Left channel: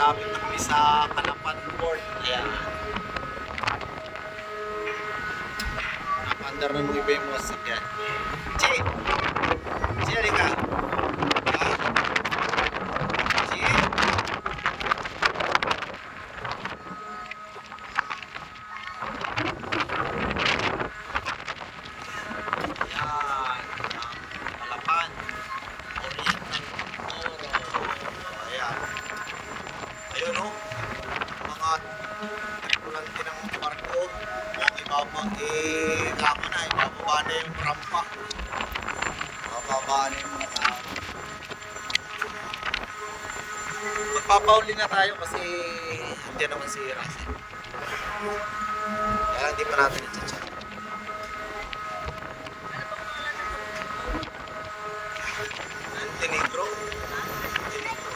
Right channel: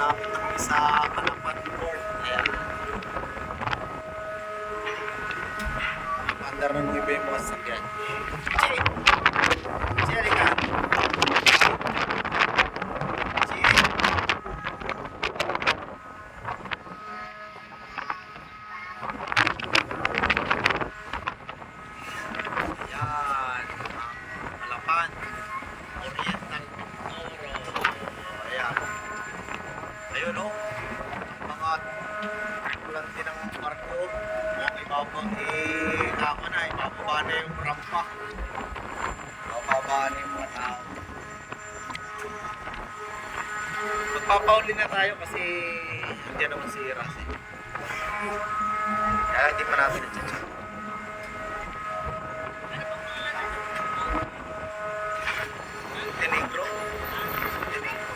malapit na kami sa Calapan Port. Ayan. Napandar na nung iba yung mga sasakyan. Chi! Chi, halika! Ha? Chi! Ayan. Ang Calapan. Orient ng Toro. Ayan. Ayun o. Mga tripulante ng barko. Ibaba na yung rampa. Ibababa na yung mga tao. Magpapauli na tayo kasi hindi naman si Russell. Kaya hindi pa natin na-chat. Montenegro. Montenegro.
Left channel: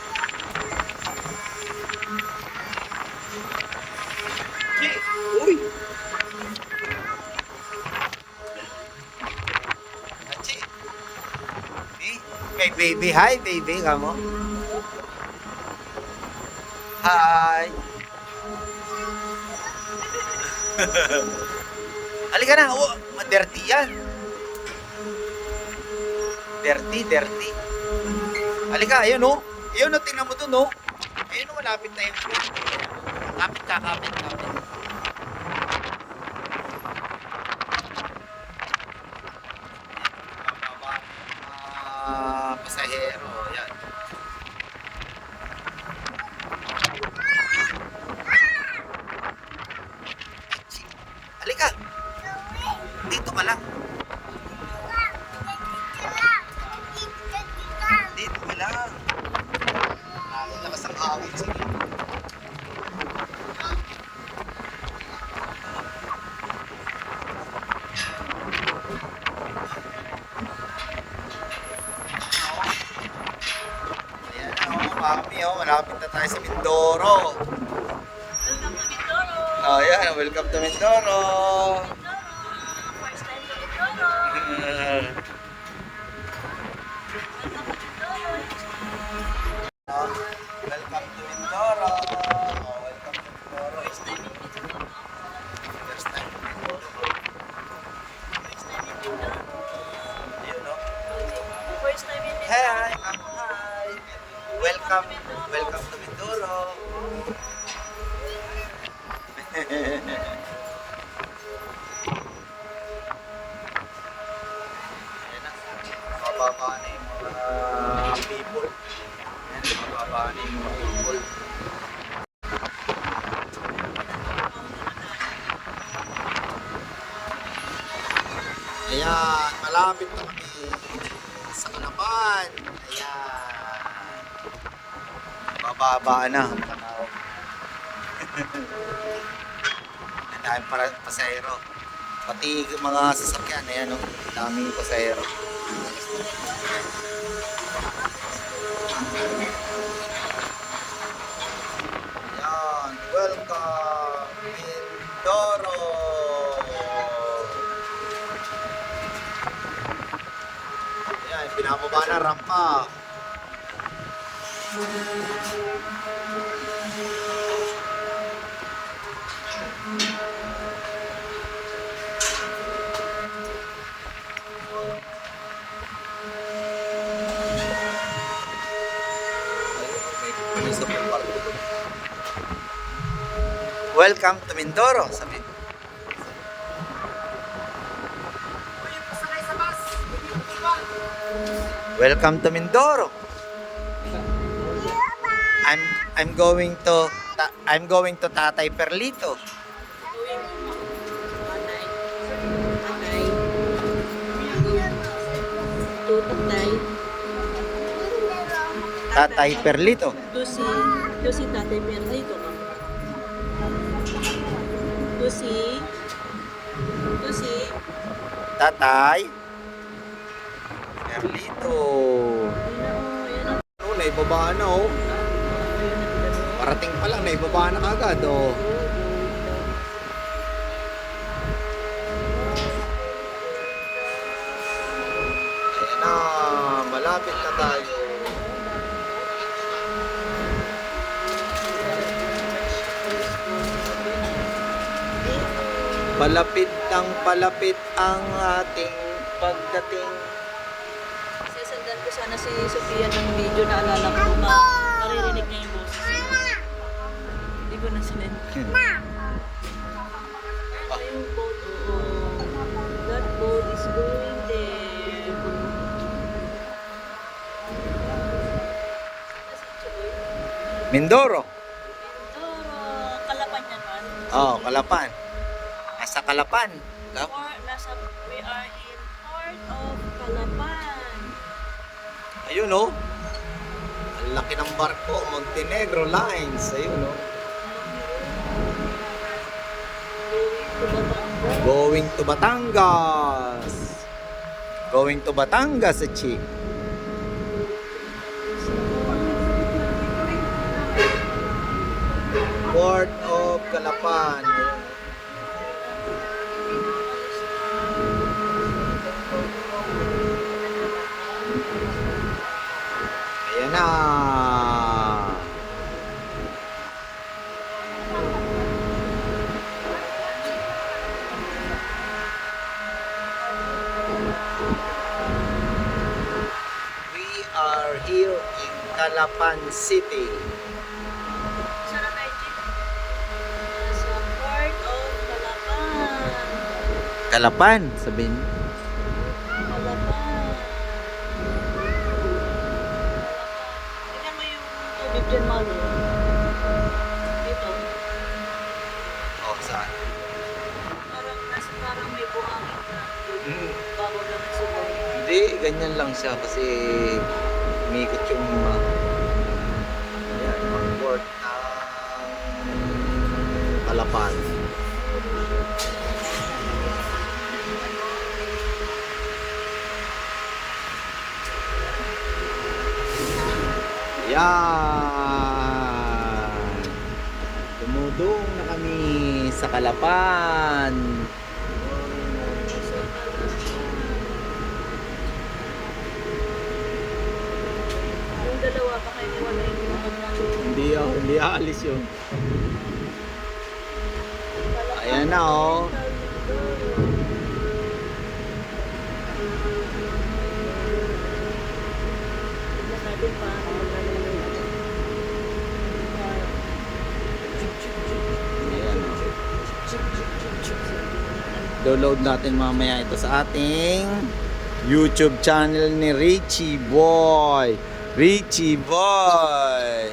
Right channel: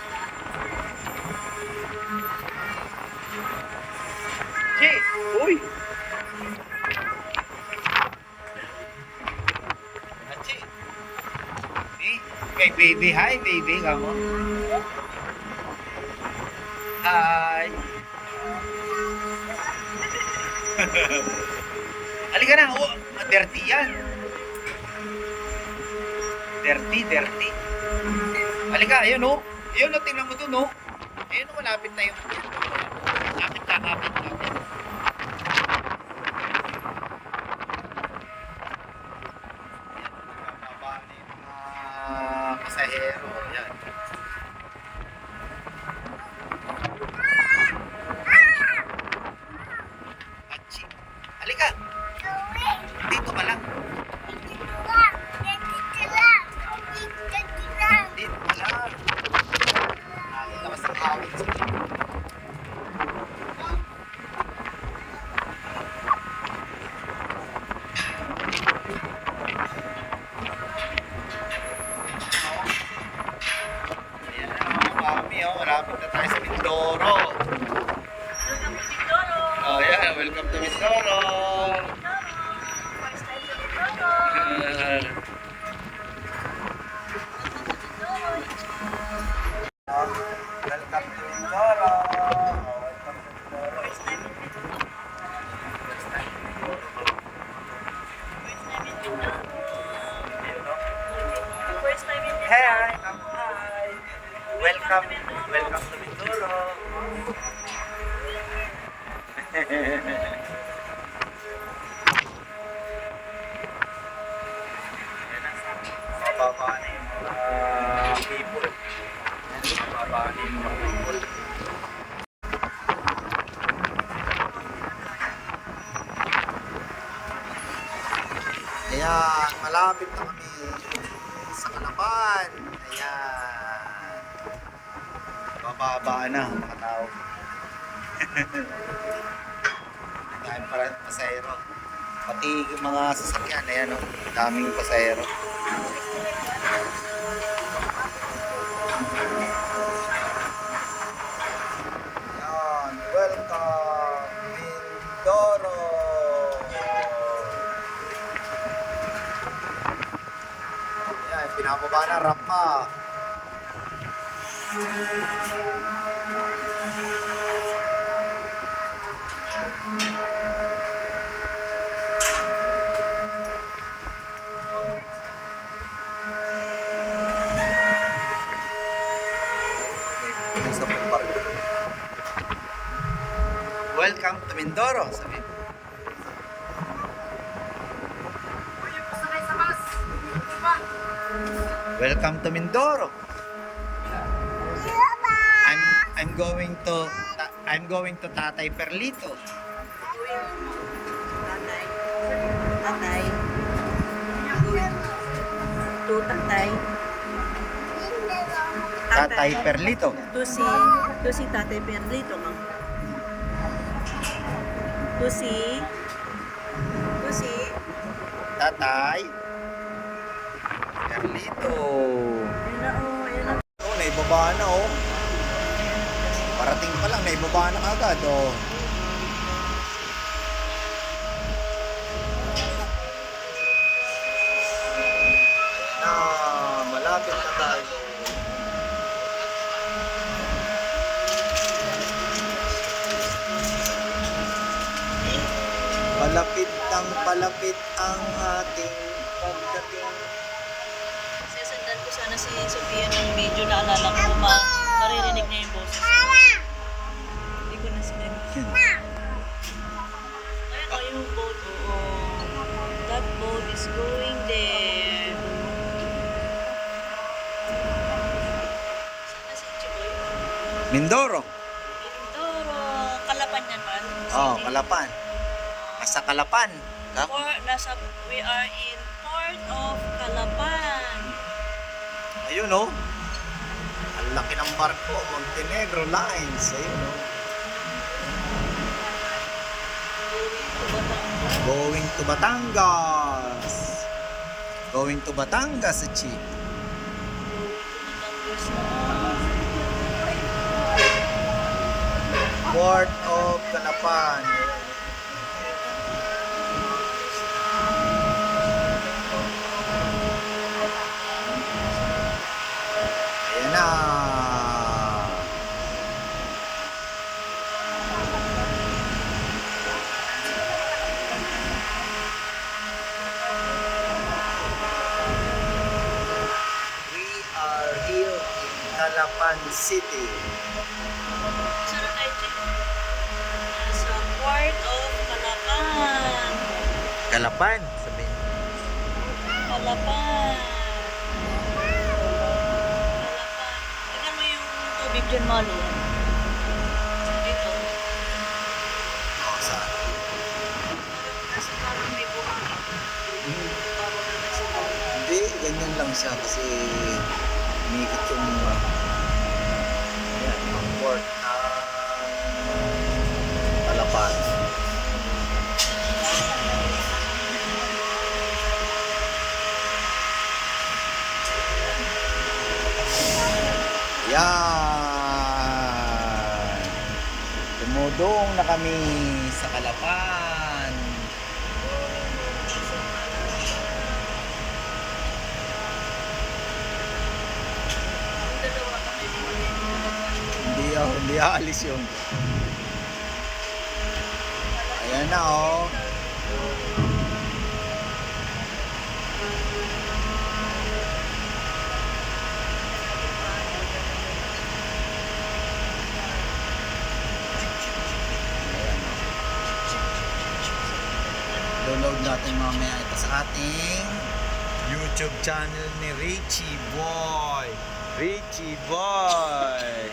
Chi! Uy! Chi! Hey, baby. Hi, baby. Kamu? Hi! Halika na. Oh, dirty yan. Dirty. Halika, ayun o. Ayun o, tingnan mo dun o. Ayun o, malapit na yung... Kapit. Bababa na yung mga pasahero. Yan. Halika. Dito ka lang. Dito ka lang. Lakas ang hangin sa dito. Ayan na, mami, malapit na tayo sa Mindoro. Welcome to Mindoro! Oh, yeah, welcome to Mindoro. First time to Mindoro! Welcome to Mindoro. Oh, welcome to Mindoro. First time to Mindoro. Ayun, no? First time in Hi. Welcome to Mindoro. Ayan na. Mababa na yung mga people. Mababa na yung mga people. Ayan, malapit na kami sa Calapan. Ayan. Bababa na ang mga tao. Ang daming pasahero. Pati mga sasakyan, ayan o. Daming pasahero. Ayan, welcome Mindoro. Ayan, pinababa na rampa. May isa pong barko doon. Welcome to Mindoro, sabi. Welcome to Mindoro. I'm going to Tatay Perlito. Tatay. To Tatay. Tatay Perlito. To si Tatay Perlito. To si Tatay Perlito. Ayan na. Oh, naibaba na oh. Parating pa lang, naibaba na agad oh. Ayan na, malapit na tayo. palapit ang ating pagdating. Sisendan ko sana si Sophia ng video na alala ko. Maririnig niya yung boses. Hindi ko na sinend. Ayan o yung boat. Oo. That boat is going there. Sana si Chiboy. Mindoro. Mindoro. Kalapan yan man. Oh, Kalapan. Nasa Kalapan. We are in Port of Calapan. Ayun oh. Ang laki ng barko, Montenegro Lines. Ayun oh. Going to Batangas. Going to Batangas, Chi. Port of Calapan. Ayan na. We are here in Calapan City. Saan na tayo, Chick? Sa Port of Calapan. Calapan, sabihin. Calapan. Tignan mo yung tubig dyan, Malu. Dito. Oh, saan? Parang may buhangin. Hindi, ganyan lang siya kasi umikot yung ayan, ang port ng Calapan. Yan. Tumudong na kami sa Calapan. Yung dalawa pa kayo. Hindi aalis yun. Ayan na oh. Ayan oh. Download natin mamaya ito sa ating YouTube channel ni Richie Boy. Richie Boy.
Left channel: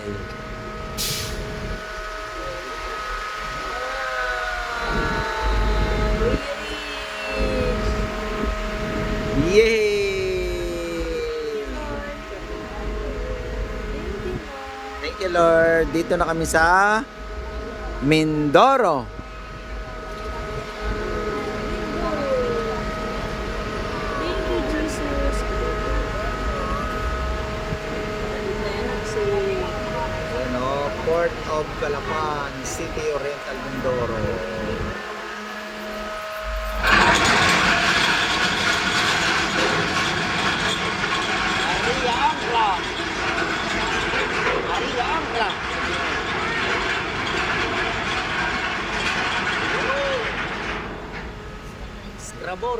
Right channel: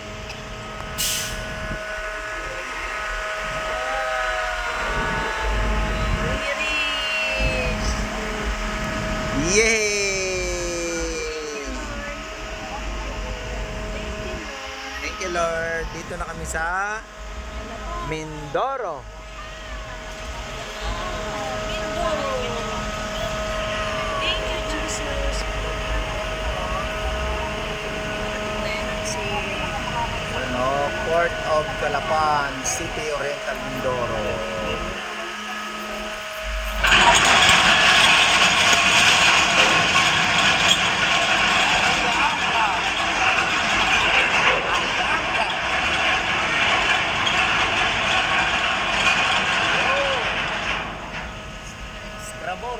Yay! Thank you, Lord. Dito na kami sa Mindoro. Thank you, Jesus. Ano, Port of Calapan, City Oriental, Mindoro.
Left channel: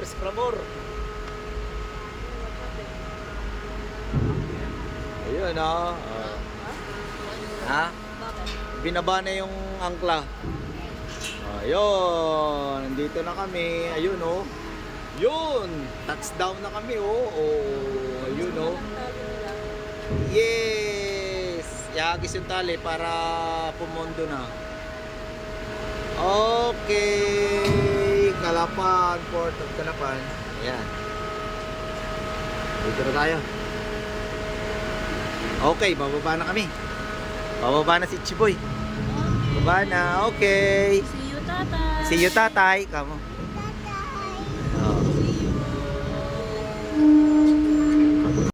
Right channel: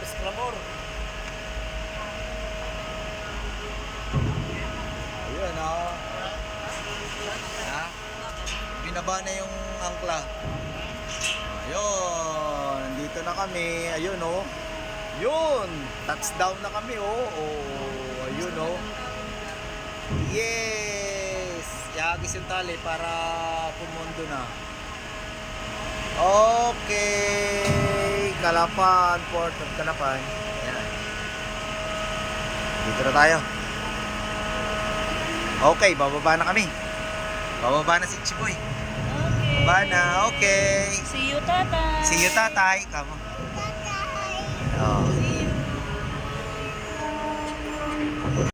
Scrabor. Ayun oh. Ha? Binaba na yung angkla. Ayun, nandito na kami. Ayun oh. Yun, touchdown na kami oh. Oh, ayun oh. Yes! Ihagis yung tali para pumondo na. Okay, Calapan, Port of Calapan. Ayan. Dito na tayo. Okay, bababa na kami. Bababa na si Chiboy. Okay. Bababa na, okay. See you, Tata. See you, tatay. Kamo. Tatay. Ayun. See you.